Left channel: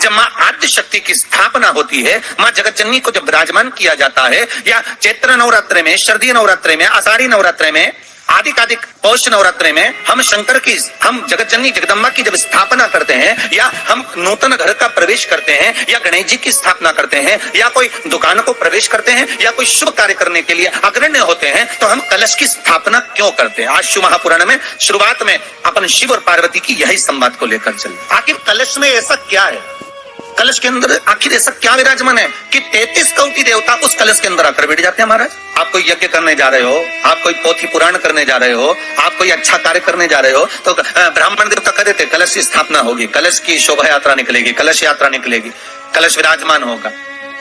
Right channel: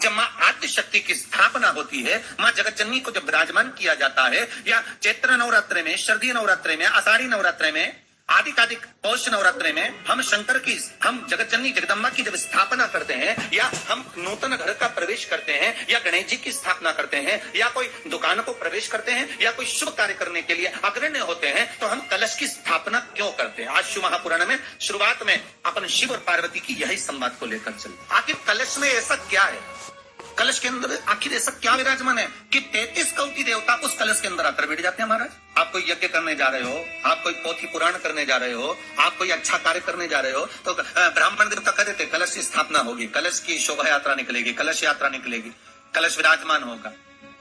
जब माँ आद्य शक्ति की स्थापना होती है, माँ जगत जननी को जब विराजमान किया जाता है, या चैत्र नवरात्र में, शरदीय नवरात्र में, आषाढ़ी नवरात्र में, आदिकादिक पौष नवरात्र में हम शंकर की, हम जगत जननी जगदम्बा की जब स्थापना करते हैं, या हम नूतन घर का प्रवेश करते हैं, या गणेश जी की स्थापना करते हैं, या कोई दुकान को प्रवेश करते हैं, या कोई शुभ कार्य करने के लिए अग्रण्य होते हैं, तो हम कलश की स्थापना क्यों करते हैं? आज शिव महापुराण में शुरुआत में अपन शिव और पार्वती की यही संवाद को लेकर चले। आखिर कलश में ऐसा क्या है? कलश के अंदर आखिर ऐसा क्या विराजमान है कि 33 कोटि देवता उस कलश के अंदर आकर बैठ जाते हैं? महाराज, आप कोई यज्ञ करने जा रहे हो, आप कोई पोथी पुराण करने जा रहे हो, आप कोई अच्छा कार्य करने जा रहे हो, तो ब्राह्मण देवता कह देते कलश की स्थापना होगी, कलश की शोभा यात्रा निकलेगी, कलश यात्रा निकलेगी, कलश विराजमान होगा।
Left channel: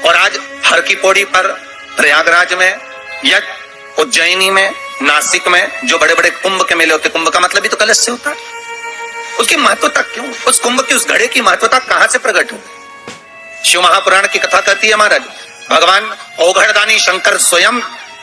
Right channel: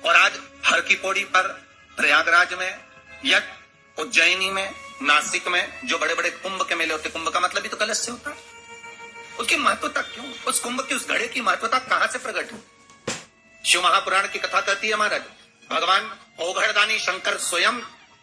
और आज हर की पौड़ी पर, प्रयागराज में या उज्जैनी में, नासिक में जो बड़े बड़े कुंभ के मेले होते, कुंभ का मतलब भी तो कलश से होता है। उसकी महत्वता क्यों? उस कुंभ की, उस घड़े की महत्वता कहां से प्रकट हुई? शिव महापुराण की कथा कहती है महाराज, भगवान औघड़दानी शंकर स्वयं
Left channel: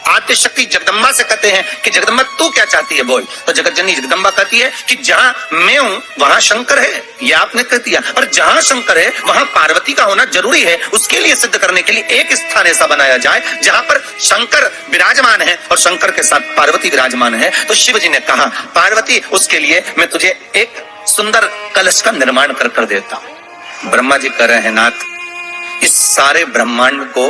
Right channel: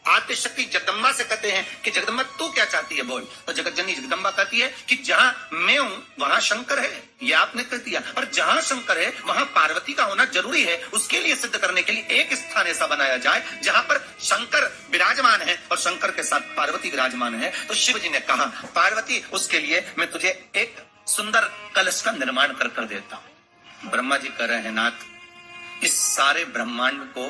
आद्य शक्ति जगदम्बा से कहते हैं कि जगदम्बा तू क्या चाहती है बोल। तो जगत जननी जगदम्बा कहती है कि जहां मैं हूं वहां शंकर है, ये आपने कह दिया, और जहां शंकर है वहां पार्वती का होना जरूरी है। उसके लिए सिद्ध करने के लिए एक स्थान ऐसा बनाया जाए जहां पर शंकर विराजमान है और शंकर के साथ पार्वती विराजमान है। तो शिव जी ने कहा, पार्वती उसके लिए मैं तुझे एक सुंदर कलश का निर्माण कर देता हूं। ब्रह्मा जी कह रहे हैं, नाथ इस सारे ब्रह्मांड को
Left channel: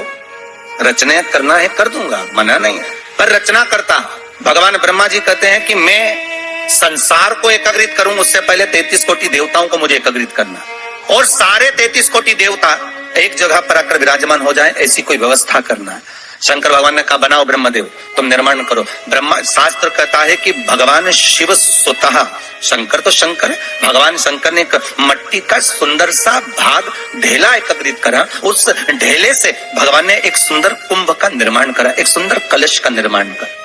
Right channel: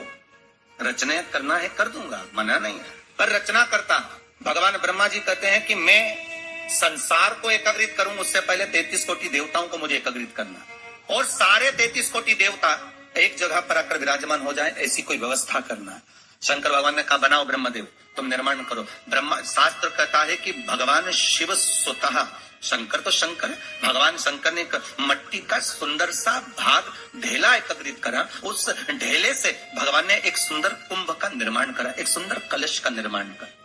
रचना करना है, कर दूंगा, मना नहीं है, पर रचना करता भगवान ब्रह्मा जी कहते हैं कि मैं संसार को एकत्रित करूं, उससे पहले 33 कोटि देवताओं को मुझे एकत्रित करना, और सारे 33 कोटि देवता एक जगह पर आकर विराजमान हो जाए, ऐसी कोई व्यवस्था करना है। शंकर भगवान ने कहा, बनाओ ब्रह्मदेव, तुम निर्माण करो। ब्रह्मा, शास्त्र कहता है कि भगवान शिव स्वतः, शंकर तो शंकर है, भगवान शंकर ने मट्टी का सुंदर सा भाग ढेला एकत्रित करा, उस ढेले से भगवान ने एक सुंदर कुंभ का निर्माण करा, एक सुंदर कलश का निर्माण करा।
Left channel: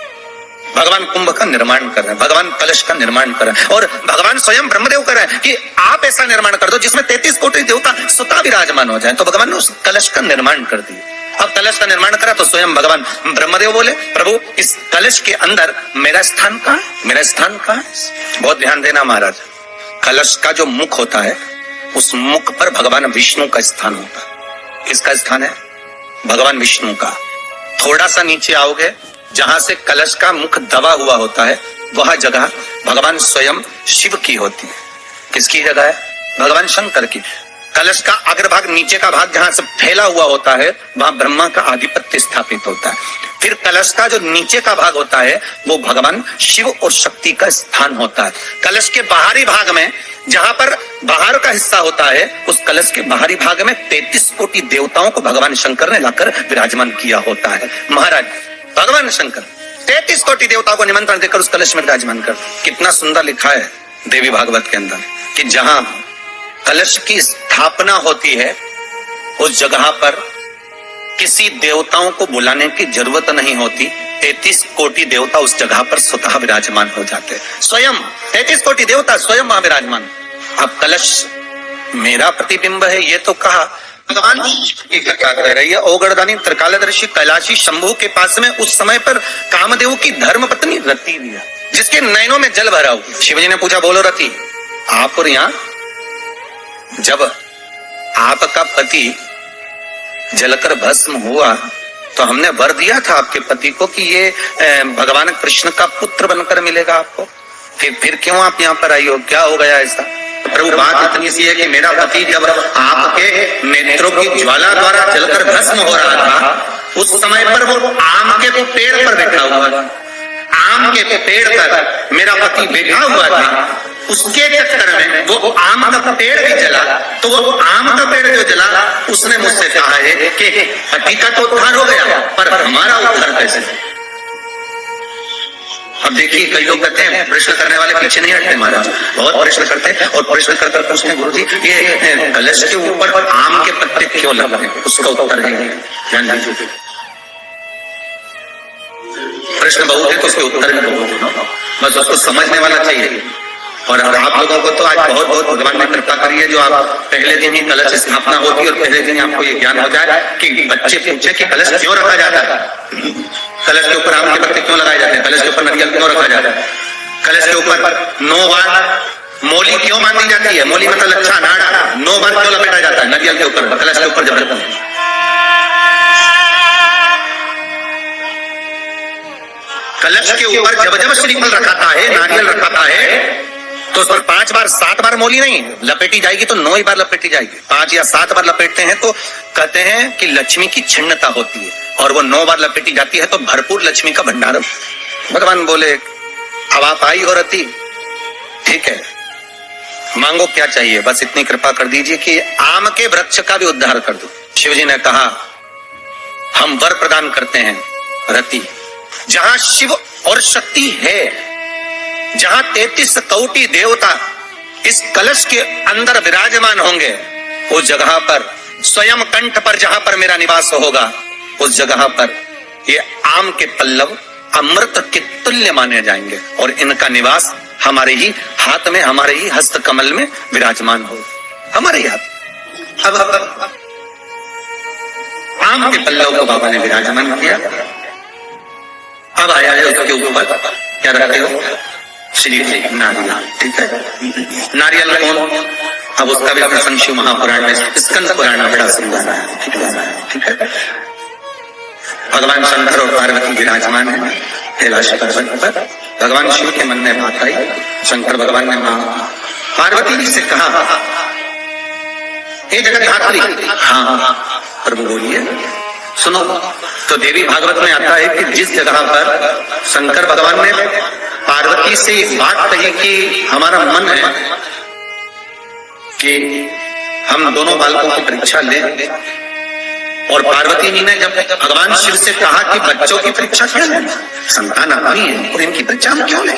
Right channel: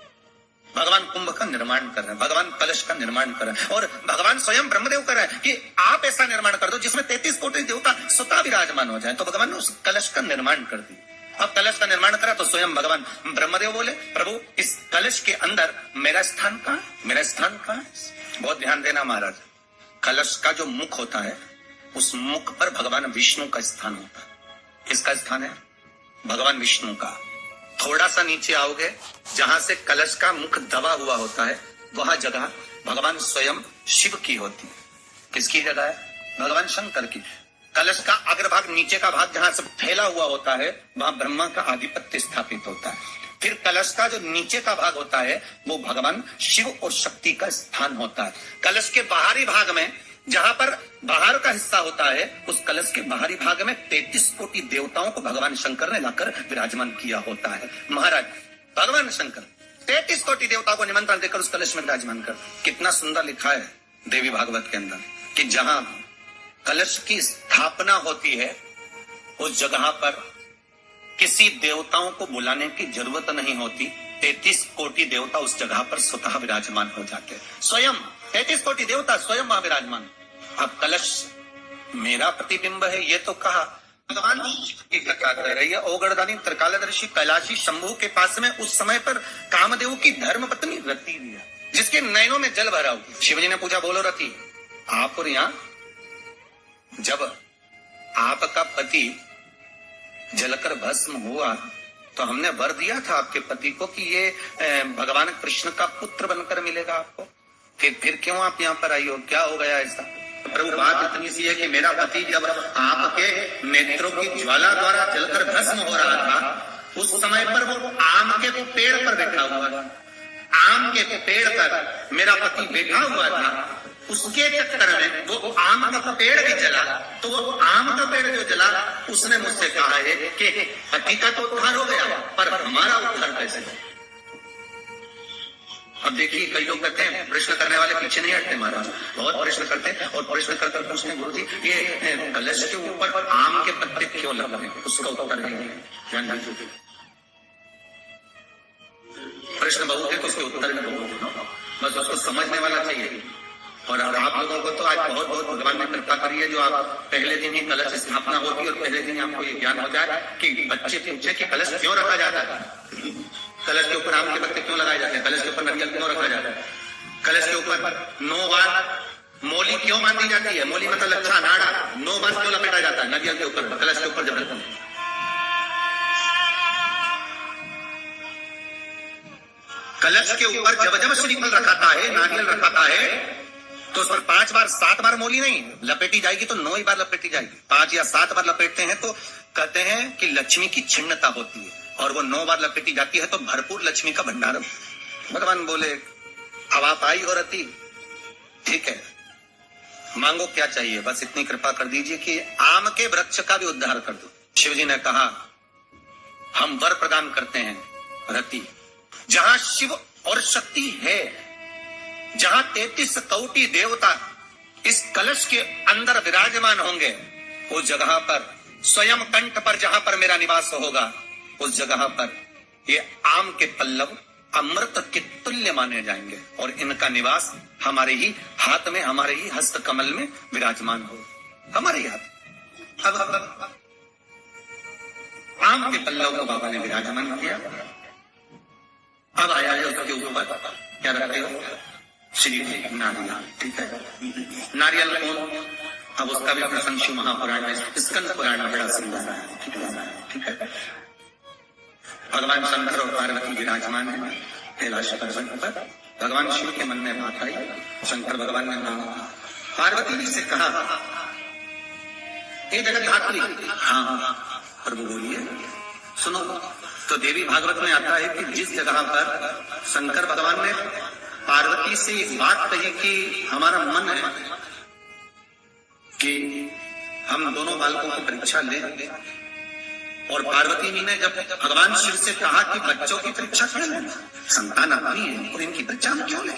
भगवान कुंभ का निर्माण कर रहे हैं, भगवान कलश का निर्माण कर रहे हैं, और भगवान स्वयं ब्रह्मदेव कर रहे हैं कि आप ऐसा निर्माण कर दो जिसमें 33 कोटि देवता स्वतः विराजमान हो जाए। तो भगवान ने उस कलश का निर्माण कर दिया। अब कलश का निर्माण करा तो स्वयं भगवान ब्रह्मदेव बोले, प्रभु इस कलश के अंदर मेरा स्थान कहाँ है? मेरा स्थान कहाँ है? बहुत ध्यान देना महाराज, कलश का जो मुख होता है उस मुख पर भगवान विष्णु का स्थान होता है। किसका स्थान है? भगवान विष्णु का। थोड़ा सा नीचे आओगे, जहां से कलश का मुख दबा हुआ होता है, वह जगह भगवान स्वयं शिव की होती है। किसकी जगह है? भगवान शंकर की। कलश का अग्रभाग, नीचे का भाग जहां से फैला हुआ होता है, वहां ब्रह्मा का आधिपत्य स्थापित होता है। फिर कलश का जो नीचे का भाग होता है वो भगवान शिव और शक्ति का स्थान होता है। कलश के बाहरी भाग में, जहां पर बाहर का हिस्सा होता है, उस कलश के बाहरी भाग में 33 कोटि देवताओं को भगवान शंकर ने लाकर विराजमान किया होता है। महाराज भगवान शंकर 33 कोटि देवताओं को निमंत्रण देकर उस कलश में विराजमान कर। कितना सुंदर लिखा है देवी भागवत के अंदर कि जहां कलश की स्थापना होती है उस जगह पर किसी देवताओं को बुलाने की जरूरत नहीं होती। 33 कोटि देवता उस जगह पर स्वतः विराजमान हो जाते हैं। स्वयं 33 कोटि देवता स्वयं वहां विराजमान। अब कलश मेरा प्रतिबिंब है ये तो कहा, भगवान की कथा कर रही है। औगड़दानी त्रिकालदर्शी कैलाशी शंभु के पास में उस समय पर कामदेव की धर्म पत्नी रति भी है, जिसके नयनों में जल भरा हुआ। शिवजी ने पूछा, बोलो रति, आप और यहाँ जब आपका पति जलकर भस्म हुआ तो हमने वर दिया था आपके पति को कि ये भगवान कृष्ण का पुत्र बनकर मिलेगा आपको, फिर क्यों आप यहाँ पर आई हो? क्या हो गया ऐसा? प्रभु बात इतनी सी है कि मेरा पति जब आपके नेत्रों की ज्वाला द्वारा जलकर भस्म हो रहा था, उस समय पर वो आम के पेड़ पर बैठा हुआ था। आम के पेड़ पर मेरा पति बैठा हुआ था, उसके चक्कर में वो आम का पेड़ भी जला। तो वो आम का पेड़ जो जला, उसने मुझसे कहा है कि पति का तो उद्धार हो गया, पर हमारा उद्धार कैसे? अब देखिए, कई लोग कहते हैं प्रश्न करने वाले पीछे नहीं हटते महाराज, बहुत प्रश्न करते हैं और प्रश्न कर पूछते हैं, गुरुजी ये कलश के ऊपर आम के पत्ते क्यों लग रहे हैं? उसका उत्तर है, ध्यान दीजिए, प्रश्न बहुत है तो उसके उत्तर भी बहुत है, बस उसको समझने वाला चाहिए। और आप लोगों को तो आज बहुत बहुत भगवान ने कृपा करी है, जो आप पहले दिन ही कलश स्थापना होती है और पहले दिन आपको ये ज्ञान हो जाए कि बच्चे पूछे कि कलश क्यों रखा जाता है, कलश के ऊपर आम के पत्ते क्यों लगाए जाते हैं, कलश के ऊपर नारियल क्यों रखा जाता है, कलश के ऊपर 9 बार मोली क्यों बांधी जाती है? मोली मतलब लच्छा नाड़ा, 9 बार क्यों लपेटा जाता है? नारियल के ऊपर, कलश के ऊपर जब रखते हैं। कलश के ऊपर जब जब श्रीफल रखाता है, नारियल रखाता है, तो उस पर 5 बार 7 बार मोली नहीं लपेटी जाएगी, तो 9 ही बार लपेटी जाएगी। 5 या 7 बार लपेटते हैं तो कहते हैं कि लक्ष्मी की क्षीणता होती है, और वो 9 बार लपेटी जाती है तो भरपूर लक्ष्मी का भंडार। भगवान बोले अब आप आई हो रति, ठीक है, मांगो क्या चाहिए, बस इतनी कृपा कर दीजिए कि आम के वृक्ष का भी उद्धार कर दो। शिव जी ने कहा हम वर प्रदान करते हैं रति, जहां शिव और शक्ति है, जहां 33 कोटि देवता इस कलश के अंदर विराजमान होंगे, उस जगह पर स्वयं कंठ पर जहां पर मेरा निवास होगा, उस जगह पर ये आम के पल्लव अमृत के तुल्य माने जाएंगे, और इनका निवास हमारे ही हाथ में, हमारे ही हस्त कमल में विराजमान हो, हमारे ही हाथ। अब आम के पल्लव को बाबा ने विराजमान किया। अब आया है उसके ऊपर क्या रखते हो? श्री नारियल, ठीक है। नारियल कौन? अब उसका भी प्रसंग शिव महापुराण में, स्कंद पुराण में बड़ा सुंदर है, ठीक है। भगवान शंकर और पार्वती विराजमान है कैलाश पर्वत पर। भगवान शिव के मन में बात आई, शंकर भगवान ने मां पार्वती जी से कहा हे जगन्नाथी, हाँ प्रभु बोलिए, सुनो। तो देवी भागवत में आता है कि जिस जगह पर शंकर भगवान ने पार्वती से एक बात कही कि हमारा मन है कि हम दोनों बालकों की परीक्षा लें, और पार्वती जी ने जब भगवान शिव से कहा कि बच्चों की परीक्षा क्यों लें, संतान अपनी है और इनकी परीक्षा हम क्यों लें,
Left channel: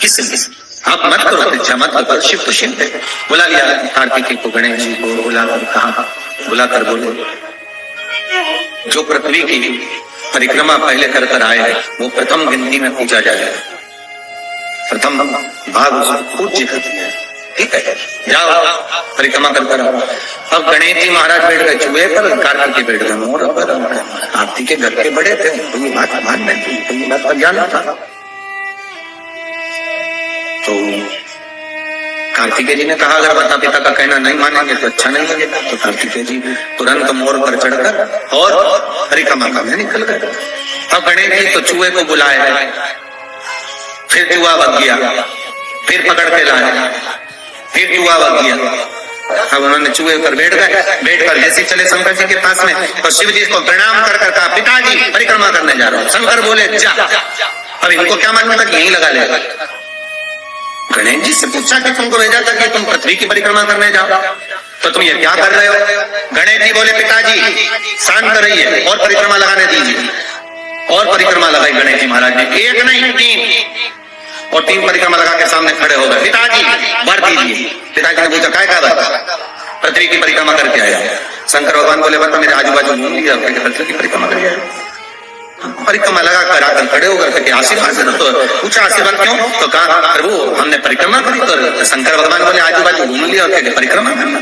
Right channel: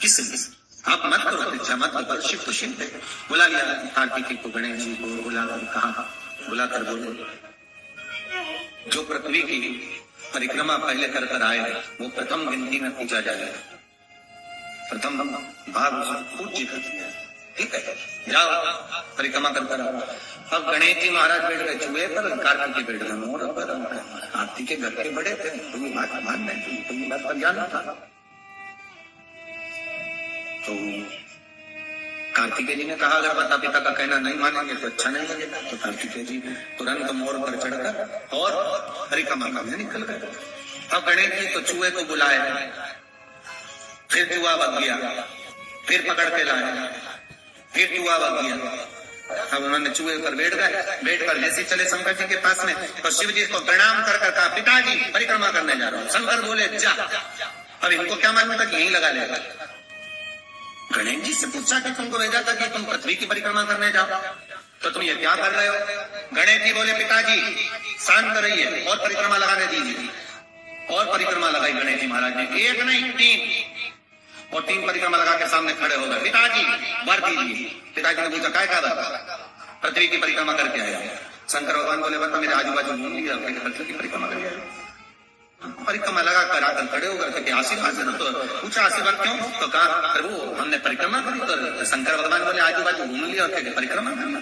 किस आप मत करो परीक्षा, मत करो। शिव तो शिव है। बुला लिया कार्तिकेय को, गणेश जी को बुलाकर कहा, बुलाकर बोले जो पृथ्वी की परिक्रमा पहले कर कर आए हैं वो प्रथम गिनती में पूजा जाए, प्रथम भाग उसको पूज्य करती है, ठीक है, जाओ परिक्रमा करता रहो। अब गणेश जी महाराज बैठ गए चूहे पर, कार्तिकेय बैठ गए मोर पर। कार्तिकेय घर के बड़े थे, तो ये बात मान में थी, तो ये बात का ज्ञान था। तो कार्तिकेय जी ने कहा अगर माता पिता का कहना नहीं मानेंगे तो अच्छा नहीं लगेगा। तो कार्तिकेय जी तुरंत मोर पर चढ़कर और परिक्रमा करने निकल गए। अब गणेश जी तो चूहे को बुलाए, फिर चूहा बच गया, फिर पकड़ के लाए, फिर चूहा बच गया। अब उन्होंने चूहे पर बैठ गए, बैठकर जैसे चले शंकर जी के पास में, तो शिव जी को प्रणाम कर कर कहा पिताजी परिक्रमा करने जा रहा हूँ। शंकर बोले जा। अब इनको क्या मालूम था कि यहीं लगा लेगा। गणेश जी से पूछा कि तुमको भेजा था कि तुम पृथ्वी की परिक्रमा करने जाओ, तो तुम ये क्या कर रहे हो? गणेश जी बोले पिताजी शांत रहिए और परिक्रमा लगाने दीजिए। और परिक्रमा लगाई गणेश जी महाराज ने, एक नहीं 3, और 3 परिक्रमा लगा के सामने खड़े हो गए। पिताजी वर दीजिए। पिताजी ने पूछा काय का? पृथ्वी की परिक्रमा करके आया। शंकर भगवान बोले बता मेरे आजू बाजू घूम लिया, पृथ्वी की परिक्रमा करके आया। परिक्रमा लगा कर आकर खड़े होकर आशीर्वाद देना। तो पूछा आशीर्वाद क्यों? तो कहा प्रभु हमने परिक्रमा करी। तो शंकर भगवान बोले आजू बाजू घूम लिया और परिक्रमा करना,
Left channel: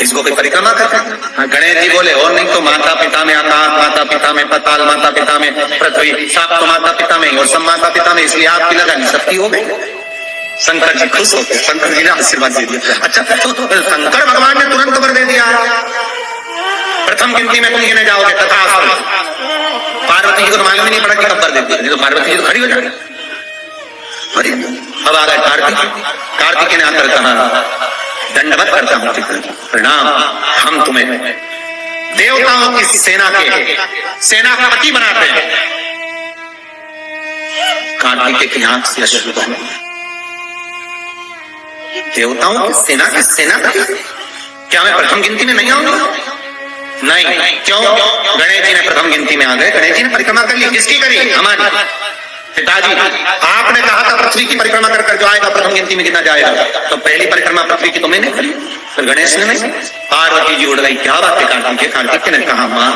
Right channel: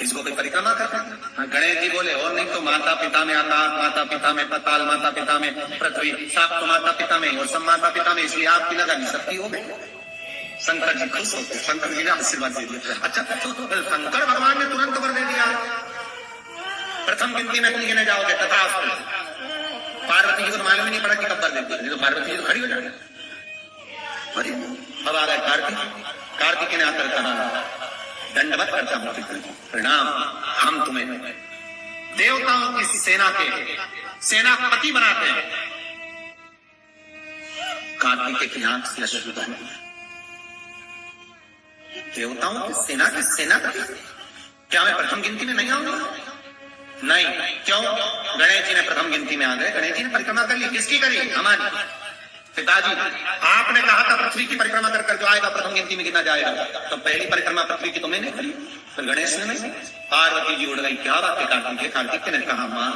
इसको कोई परिक्रमा करना। गणेश जी बोले और नहीं तो माता पिता में आकाश, माता पिता में पाताल, माता पिता में पृथ्वी, सात तो माता पिता में और सब माता पिता में, इसलिए आपकी लगानी सबकी हो गई। शंकर जी खुश हो गए, शंकर जी ने आशीर्वाद दे दिया। अच्छा तो शंकर भगवान ने तुरंत वर दे दिया, प्रथम गिनती में तुम गिने जाओगे तथा। पार्वती जी को मालूम ही नहीं पड़ा कि कब वर देती है, तो पार्वती जी तो खड़ी हो जाएगी। अब आ गए कार्तिक ने आकर कहा दंडवत करता हूं, प्रणाम, हम तुम्हें देवताओं की सेना के सेनापति बनाते हैं। कार्तिकेय की आंख से अश्रु बहे। देवताओं की सेना के सेनापति, क्या मैं प्रथम गिनती में नहीं आऊंगा? नहीं, क्यों? गणेश जी ने प्रथम गिनती में आ गए। गणेश जी ने परिक्रमा कर ली, किसकी करी? हमारी। पिताजी आपने कहा था पृथ्वी की परिक्रमा कर जो आएगा प्रथम गिनती में गिना जाएगा, तो पहली परिक्रमा पृथ्वी की तो मैंने करी, तो गणेश ने नहीं, पार्वती जी उड़ गई, क्या बात है कार्तिक ने कहा माँ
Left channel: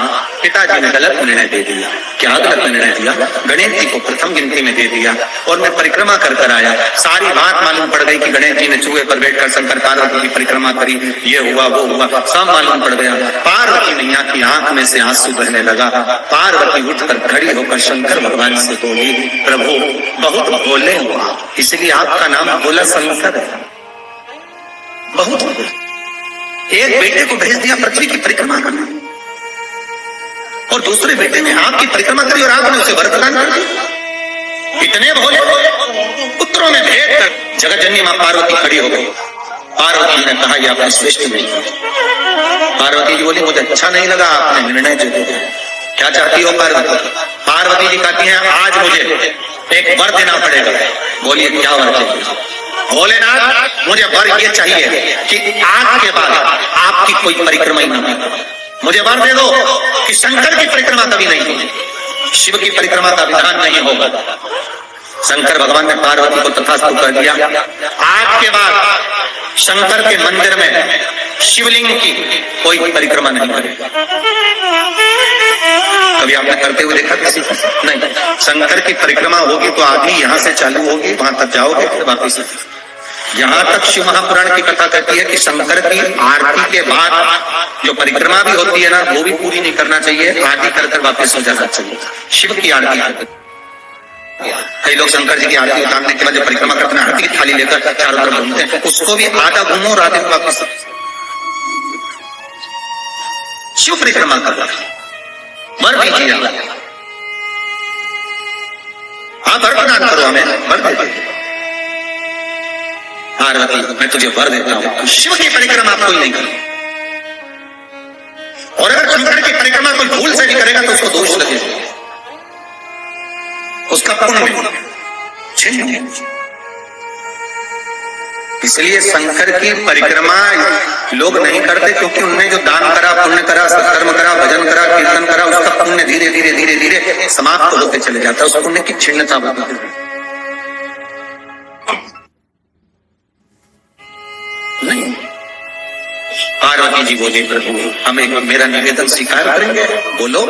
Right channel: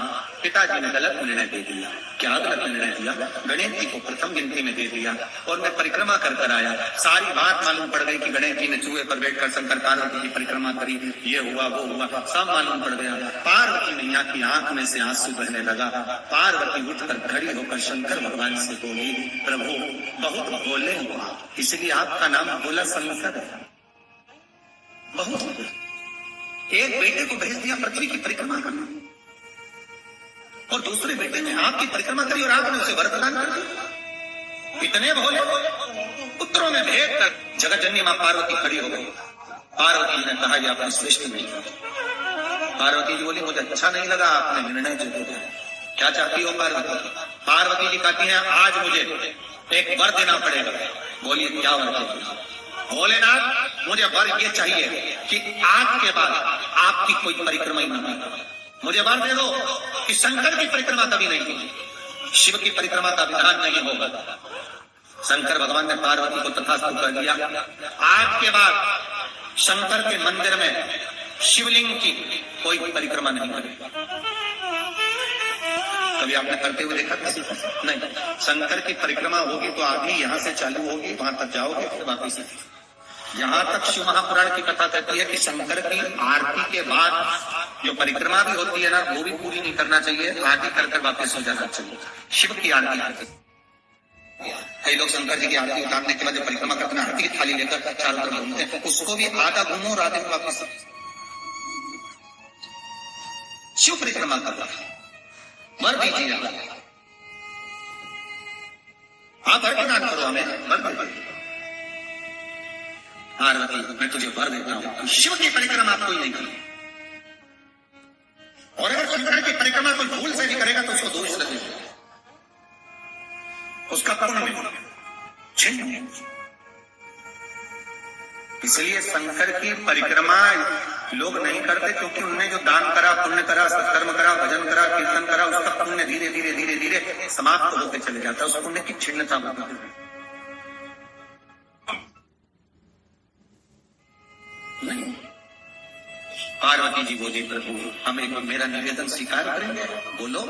पिताजी ने गलत निर्णय दे दिया। क्या गलत निर्णय दिया? गणेश जी को प्रथम गिनती में दे दिया और मैं परिक्रमा कर कर आया। सारी बात मालूम पड़ गई कि गणेश जी ने चूहे पर बैठकर शंकर पार्वती की परिक्रमा करी, ये हुआ वो हुआ, सब मालूम पड़ गया। पार्वती मैया की आंख में से आंसू बहने लगा। पार्वती उठकर खड़ी होकर शंकर भगवान से बोली, प्रभु बहुत भोले हुआ, इसलिए आपका नाम भोला शंकर है। बहुत भोले। एक बेटे को भेज दिया पृथ्वी की परिक्रमा करने और दूसरे बेटे ने आपकी परिक्रमा करी और आपने उसे वर प्रदान कर दिया। इतने भोले पुत्रों में भेद कर जगतजननी मां पार्वती खड़ी हो गई। पार्वती ने कहा, यह आपने श्रेष्ठ नहीं। पार्वती जी बोली, मुझे अच्छा नहीं लगा आपने निर्णय जो दिया। क्या चाहती हो पार्वती? पार्वती जी कहती हैं, आज मुझे एक वर देना पड़ेगा। बोलिए क्या वर चाहिए? भोलेनाथ मुझे वर ये चाहिए कि आज के बाद आपकी कोई परिक्रमा ही ना हो। मुझे वर दे दो कि शंकर की परिक्रमा कभी नहीं होगी, शिव की परिक्रमा का विधान नहीं होगा। शंकर भगवान ने पार्वती को तथास्तु कर दिया। आज के बाद शंकर के मंदिर में शिवलिंग की कोई परिक्रमा नहीं करेगा। कभी आपने करते हुए देखा किसी को? नहीं। शंकर की परिक्रमा होगी तो आदमी यहाँ से चालू होगी, वहां तक जाओगे, फिर वापिस। यहाँ तक शिव महापुराण की कथा कहती है कि शंकर की आरती के बाद जो परिक्रमा भी होती है ना, वो भी पूरी नहीं करना चाहिए, आरती कर वापस हो जाना चाहिए। शिव की आरती, कई लोग शंकर जी की आरती उतारने के बाद जब परिक्रमा करते हैं, आरती की थाली लेकर चारों तरफ घूमते हैं, उसको भी आधा घूमो और आधे वापस। शिव परिक्रमा कर वर दीजिए, हाँ वर प्रदान करो, हमें वर दीजिए। पार्वती मैं तुझे वर देता हूं, शिव की परिक्रमा कोई नहीं करे, और अगर शंकर की परिक्रमा कोई भूल से भी करेगा तो उसको दोष लगेगा, उसका पुण्य छीन। इसलिए शंकर की परिक्रमा लोग नहीं करते क्योंकि उनने जो दान करा, पुण्य करा, सत्कर्म करा, भजन करा, कीर्तन करा, उसका पुण्य धीरे धीरे धीरे धीरे समाप्त होते चले जाता है, उस पुण्य की क्षीणता होती है। नहीं। पार्वती जी बोले, प्रभु हम एक मेरा निवेदन स्वीकार करेंगे। बोलो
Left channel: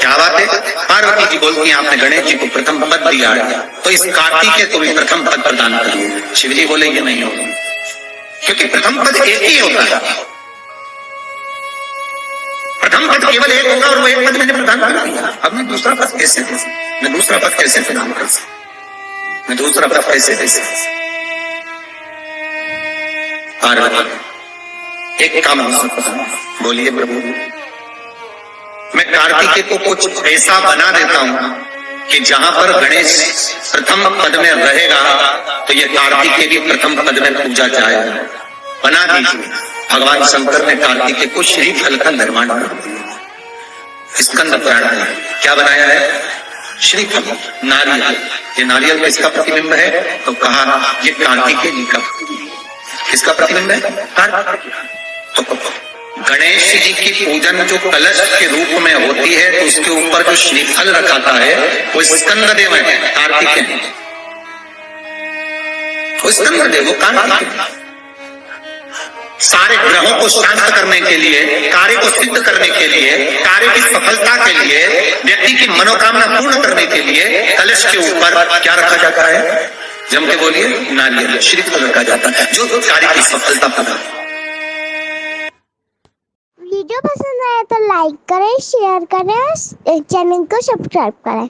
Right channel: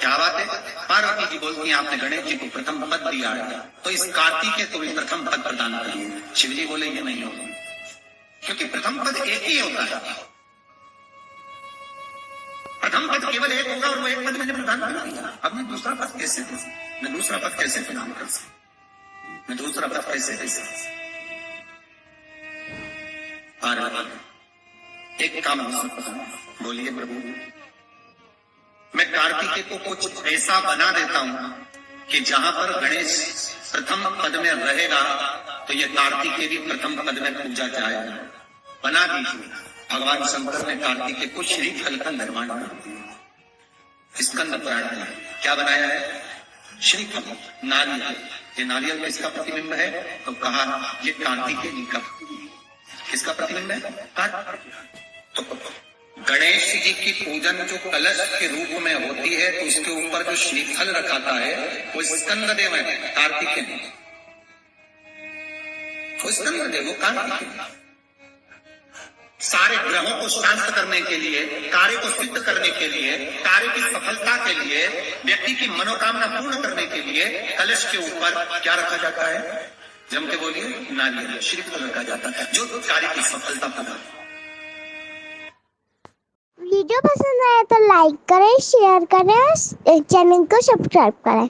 क्या बात है? पार्वती जी बोलती हैं, आपने गणेश जी को प्रथम पद दिया है तो इस कार्तिकेय को भी प्रथम पद प्रदान करिए। शिव जी बोले ये नहीं होगा क्योंकि प्रथम पद एक ही होता है, प्रथम पद केवल एक होगा और वो एक पद मैंने प्रदान कर दिया। अब मैं दूसरा पद कैसे दे सकता? मैं दूसरा पद कैसे प्रदान कर सकता? मैं दूसरा पद कैसे दे सकता? पार्वती एक काम हो सकता है, बोलिए प्रभु मैं कार्तिकेय को कुछ ऐसा बना देता हूं कि जहां पर गणेश प्रथम पद में रहेगा तो ये कार्तिकेय भी प्रथम पद में पूजा जाएगा। बना दीजिए। भगवान शंकर ने कार्तिकेय को श्रीफल का निर्माण कर दिया। स्कंद पुराण में क्या बनाया है? श्रीफल, नारियल। ये नारियल किसका प्रतिबिंब है? तो कहा ये कार्तिकेय जी का। किसका प्रतिबिंब है? तो गणेश जी की पूजन जो कलश के रूप में होती है तो उसके ऊपर जो श्रीफल रखाता है वो स्कंददेव है, कार्तिकेय। वो स्कंददेव, वो कार्तिकेय। सारे ग्रहों को शांत करने के लिए, कार्य को सिद्ध करने के लिए, कार्य की सफलता के लिए, व्यक्ति की मनोकामना पूर्ण करने के लिए कलश के ऊपर क्या रखा जाता है? जम के बोलिए, नारियल, श्रीफल रखा जाता है जो कार्य की सफलता प्रदान। वीडियो पसंद आया तो लाइक करें, शेयर करें, चैनल को सब्सक्राइब करें।